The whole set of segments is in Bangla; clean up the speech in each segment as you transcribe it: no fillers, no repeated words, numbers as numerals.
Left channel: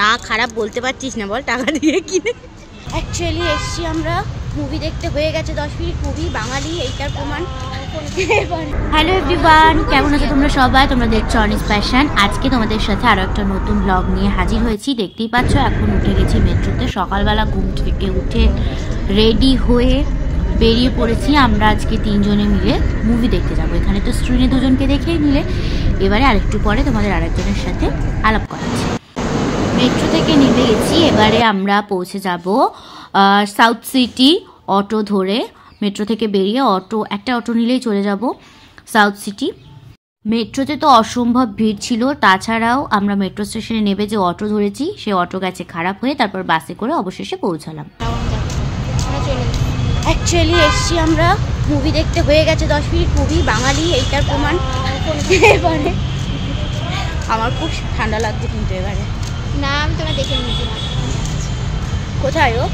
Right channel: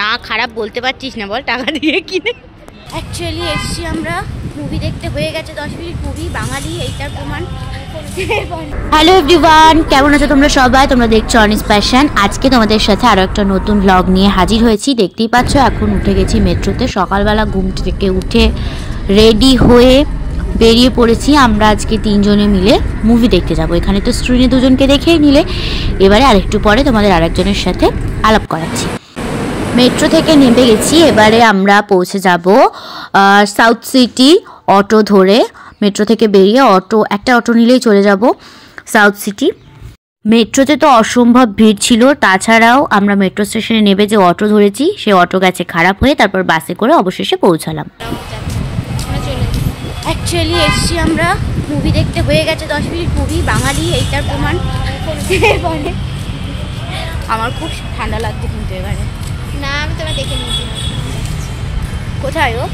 না খারাপ বলতে পারছিস না বল, টাকা দিয়ে কিনে। অ্যাকচুয়ালি এসছি আমরা মুভি দেখতে, হয়ে গেছে 10 মিনিট মুভি, বাঙালি এইটার প্রমাণ। হ্যালো এভরিওয়ান, কেমন আছো তোমরা সবাই? তোমরা দেখছো অনিস প্যাশন। আজকে তোমাদের সাথে আরো একটা নতুন ব্লগ নিয়ে হাজির হয়েছি। দেখতেই পাচ্ছ এখন উঠে গেছি মেট্রোতে। সকালবেলা ঘুম থেকে উঠে রেডি হয়ে বেরিয়ে পড়েছি। আমরা আজকে 3 জনে মিলে মুভি দেখতে যাব। এখানে তো স্ক্রিনে 2 জনকে দেখেই নিলে, এবারে আরেকটু পরে তোমাদের আরেকজনের সাথে আলাপ করাচ্ছি। মেট্রো থেকে নেমে গেছি, এবারে আমরা পৌঁছে যাব সাউথ সিটি। অটো ধরে মেট্রো থেকে বেরিয়ে একটা অটো নিলেই চলে যাব সাউথ সিটি। মেট্রোতে তো অসম্ভব ভিড় ছিল, তাছাড়াও আমরা মেট্রো স্টেশনে নেমে যে অটো ধরেছি সে অটো গেছে খারাপ হয়ে, তারপর বাসে করে অবশেষে পৌঁছালাম। অ্যাকচুয়ালি এসছি আমরা মুভি দেখতে, হয়ে গেছে 10 মিনিট মুভি, বাঙালি এইটার প্রমাণ। এবারে আমার খুব ঠান্ডা লাগছে কিন্তু এবারে। না আমি তোরা দেখে নিয়েছি। কোথায় ও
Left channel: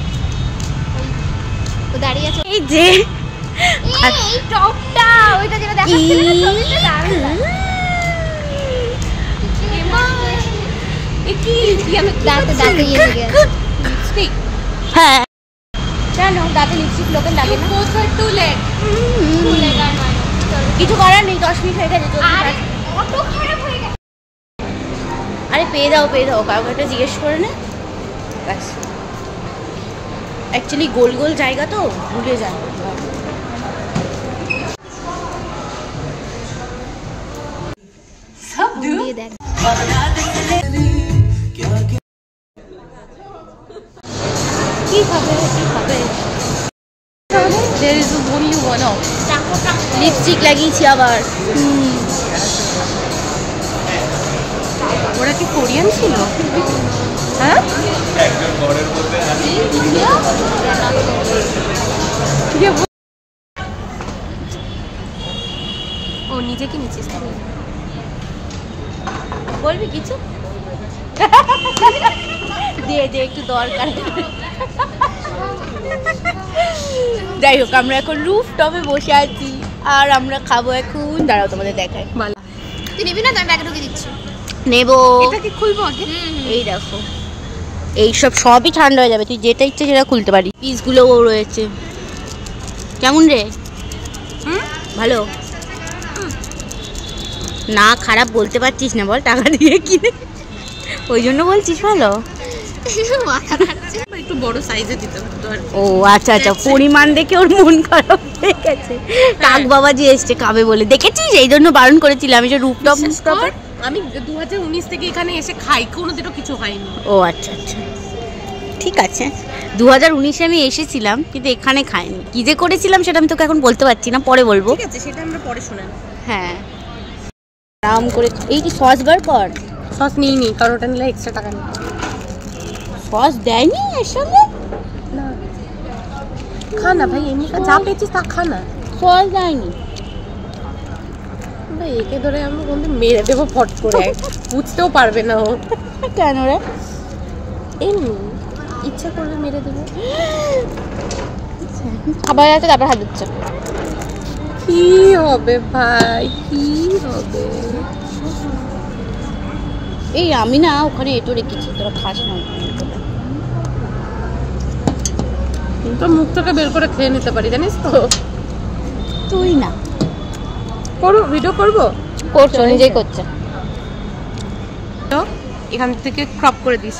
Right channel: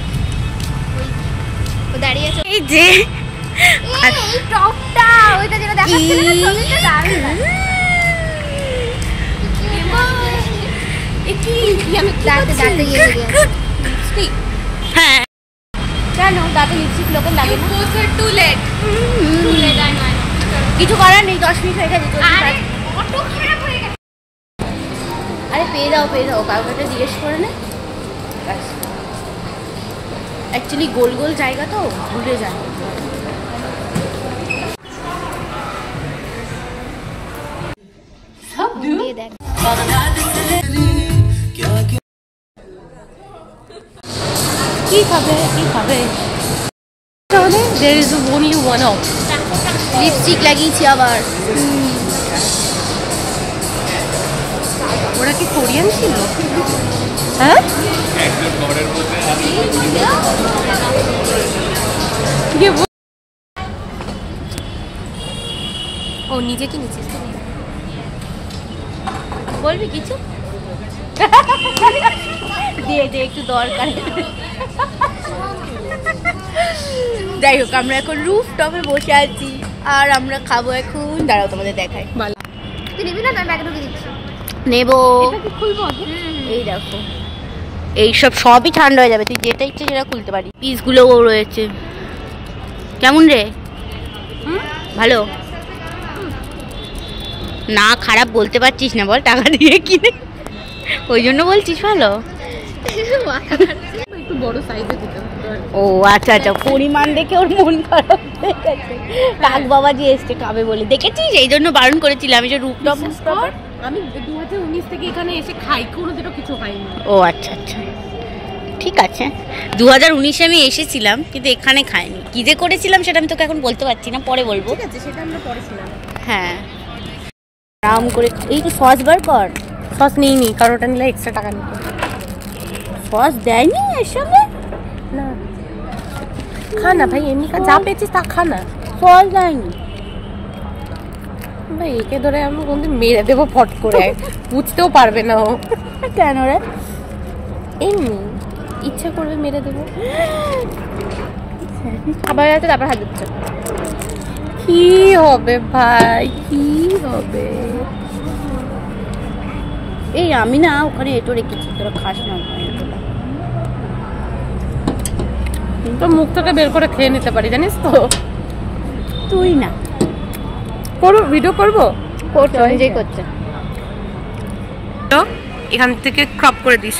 দাঁড়িয়ে আছে? এই যে এই টপটা, ওইটা যেটা দেখাচ্ছিল না ছবিটা, দারুণ। কি আমি দাঁতে ইয়ে দিয়ে লিপস্টিক। হ্যাঁ জানো দাঁতে লিপস্টিক লোকের লাগে না। টু লেট কিছু করার নেই, 10 মিনিট হয়ে গেছে, জলদি পাঠ। আরে পেয়ে দাও কারোর একটা জিজ্ঞেস করে নে। অ্যাকচুয়ালি গোল গোল জায়গা তো ভুলে যায়। সব দিয়ে দেখ। কি খাবে? There is only one option. Lipstick লাগিয়েছি আবার। ওরা কি কোরিয়ান ছিল? হ্যাঁ ও নিজে কি নিচ্ছিস? বলবি কিছু? দিয়ে দে একটু দরকার। যাই হোক, আমরা এখন রুফ টপে বসে আছি আর আমরা খাবো এখন। দাঁড়াও তোমাদের দেখাই। তুই নিবি না? আমি ব্যাগে ঢুকে দিচ্ছি। নেবো। এটা কি খুলবো আগে? এই দেখো, এইসব সবই ঠান্ডা হয়ে যাবে, তুই যেটা ইচ্ছে সেটা খুলতে পারি। পিসগুলোও রয়েছে। কেমন রে? ভালো না খারাপ বলতে পারছিস না বল, টাকা দিয়ে কিনে, ওই জন্য বলছিস ভালো। একটু বড় সাইজে দিতে পারতো। ও আচ্ছা আচ্ছা, পরিমাণ দেখে ওর মন খারাপ হয়ে গেছে। কাক বাবা যে এসছে খাবে বলে, দেখেছিস? এই জন্য বারণ করেছিলাম। আমি যে রুপটপ আমি 2019 থেকে এখানে এসে খাই, কোনোদিনও কিছু হয়নি। ও আচ্ছা আচ্ছা ঠিক আছে। 2019-এ আমি এসেছিলাম কিন্তু এখানে খাইনি। কি যে করেছিলাম সেটা আমি তোকে এখন বলতে পারছি না, পরে বলবো। ঠিক আছে, সেটা আমরা পরে শোনাব। হ্যাঁ আরাম করে। এই যে সস বার কর। সস নিইনি, কারণ ওটা নিলে এক্সট্রা টাকা নিতে। সস দেয়নি এর সঙ্গে? না খা না ভাই, এমনি যা পেয়েছিস তা খা না। সস দেয়নি ভাই, একে ধরে আমি কোনদিন মেরে দেবো ফট করে, বুঝতেও পারবে না ও। কেন রে? এমনি ইচ্ছা করলে মেরে দেবো। আবার আছে, তারপর হাত দিচ্ছে। কি হবে ভাই, কি হবে? এই আমি না ওখানে এটো রেখেছি, তোরা খাস না এটোটা। তো মুখ থেকে বের করে খেয়ে নিতে পারি, জানিস তো। তুই না করবো, ভিডিও করবো, করছো নিজেই করছে। তো এখান থেকে ক্রপ করে দিস।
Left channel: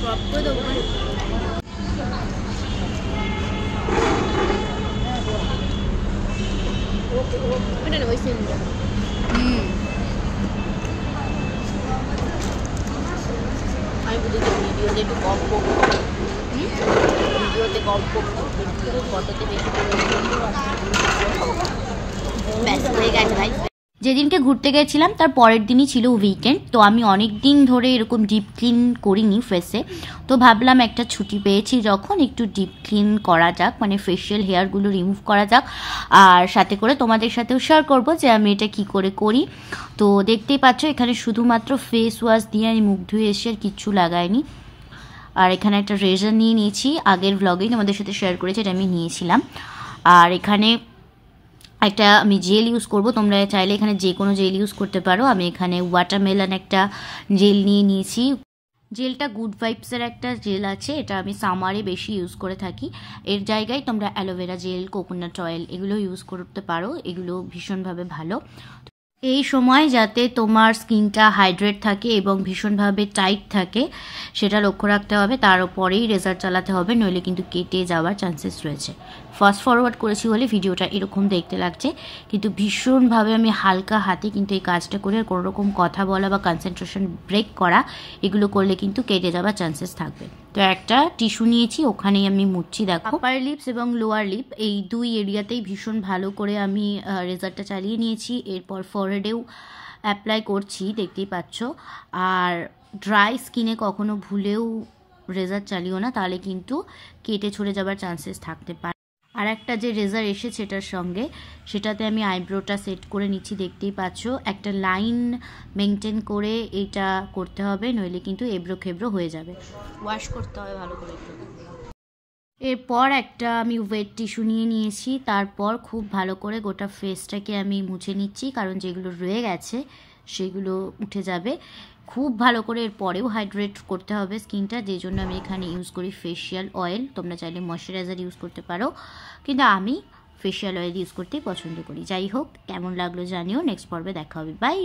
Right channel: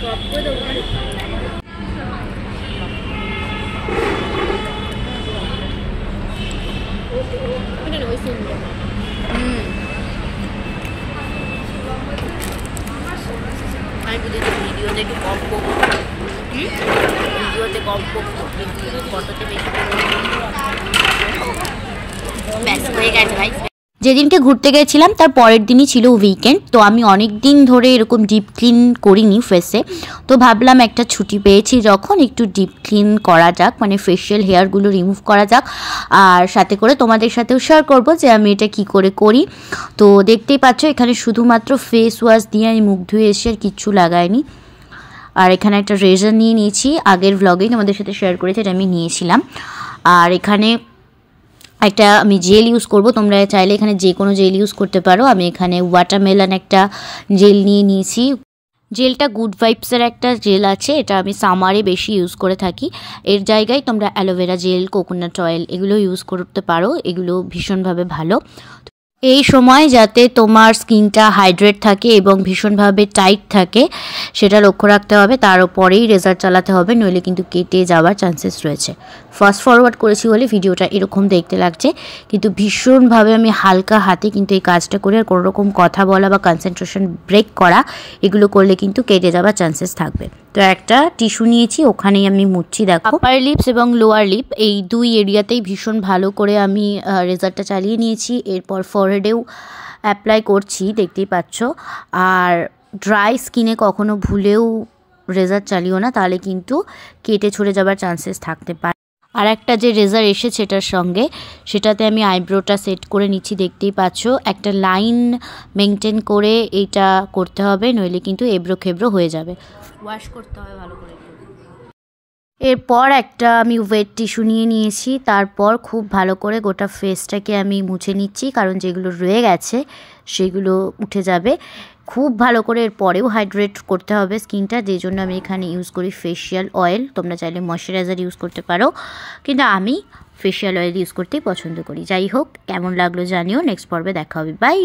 ক্রপ করে দেবো মানে? ওটা না, ওই সিনটা। আমি বুঝেছি ভিডিওতে একটু কম করবো, ভিডিওতে কম করবো, ফটোতে বেশি ব্যাস হয়ে গেছে ভাই। যেদিনকে ঘুরতে গেছিলাম তার পরের দিনই ছিল উইকেন্ড, তো আমি অনেক দিন ধরে এরকম ডিপ ক্লিন করিনি ফেসে, তো ভাবলাম একটা ছুটি পেয়েছি যখন একটু ডিপ ক্লিন করা যাক, মানে ফেশিয়াল হেয়ারগুলো রিমুভ করা যাক, আর সাথে করে তোমাদের সাথেও শেয়ার করবো যে আমি এটা কি করে করি। তো দেখতেই পাচ্ছ এখানে শুধুমাত্র ফেস ওয়াশ দিয়ে আমি মুখ ধুয়ে এসে আর কিচ্ছু লাগাইনি। আর এখানে একটা রেজার নিয়ে নিয়েছি, আগের ভ্লগেই তোমাদের সাথে শেয়ার করেছি, এটা আমি নিয়েছিলাম। আর এখানে একটা আমি জেল ইউজ করব, তোমরা চাইলে এখানে যে কোনো জেল ইউজ করতে পারো। আমি এখানে ওয়াটারমেলন একটা জেল নিয়ে নিয়েছি। জেলটা গুড ভাইবসের একটা জেল আছে, এটা আমি সামারে বেশি ইউজ করে থাকি। এর জায়গায় তোমরা অ্যালোভেরা জেল, কোকোনাট অয়েল এগুলো ইউজ করতে পারো, এগুলো ভীষণভাবে ভালো। এই সময় যাতে তোমার স্কিনটা হাইড্রেট থাকে এবং ভীষণভাবে টাইট থাকে সেটা লক্ষ্য রাখতে হবে, তার উপরেই রেজার চালাতে হবে, নইলে কিন্তু কেটে যাওয়ার চান্সেস রয়েছে। ফাস্ট ফরওয়ার্ড করেছি বলে ভিডিওটা এরকম দেখতে লাগছে, কিন্তু ভীষণভাবে আমি হালকা হাতে কিন্তু এই কাজটা করে, আর কোনো রকম কথা বলা বা কনসেন্ট্রেশন ব্রেক করা এগুলো করলে কিন্তু কেটে যাওয়ার চান্সেস থাকবে। তো একটা টিস্যু নিয়েছি, ওখানেই আমি মুছছি। দেখো আপার লিপস এবং লোয়ার লিপ এই দুই এরিয়াতেই ভীষণ ভালো করে আমি রেজারটা চালিয়ে নিয়েছি। এরপর ফরহেডেও অ্যাপ্লাই করছি, দেখতেই পাচ্ছ। আর ড্রাই স্কিনে কখনো ভুলেও রেজার চালিও না, তাহলে কিন্তু কেটে ছড়ে যাবার চান্সেস থাকতে পারে। আর একটা যে রেজার এসেছে এটার সঙ্গে, সেটাতে আমি আইব্রোটা সেট করে নিচ্ছি, দেখতেই পাচ্ছ। একটা লাইন মেনটেন করে এইটা করতে হবে, নইলে কিন্তু এবড়ো খেবড়ো হয়ে যাবে। ওয়াশ করতে হবে ভালো করে একটু। এরপর একটা আমি ওয়েট টিস্যু নিয়ে নিয়েছি, তারপর খুব ভালো করে গোটা ফেসটাকে আমি মুছে নিচ্ছি, কারণ যেগুলো রয়ে গেছে সেগুলো উঠে যাবে। খুব ভালো করে এরপরেও হাইড্রেট করতে হবে স্কিনটা, যেই জন্য আমি এখানে ইউজ করি ফেশিয়াল অয়েল। তোমরা চাইলে ময়শ্চারাইজার ইউজ করতে পারো, কিন্তু আমি ফেশিয়াল অয়েল ইউজ করতেই পছন্দ করি। যাই হোক, কেমন লাগলো জানিও। নেক্সট পর্বে দেখা হবে, বাই।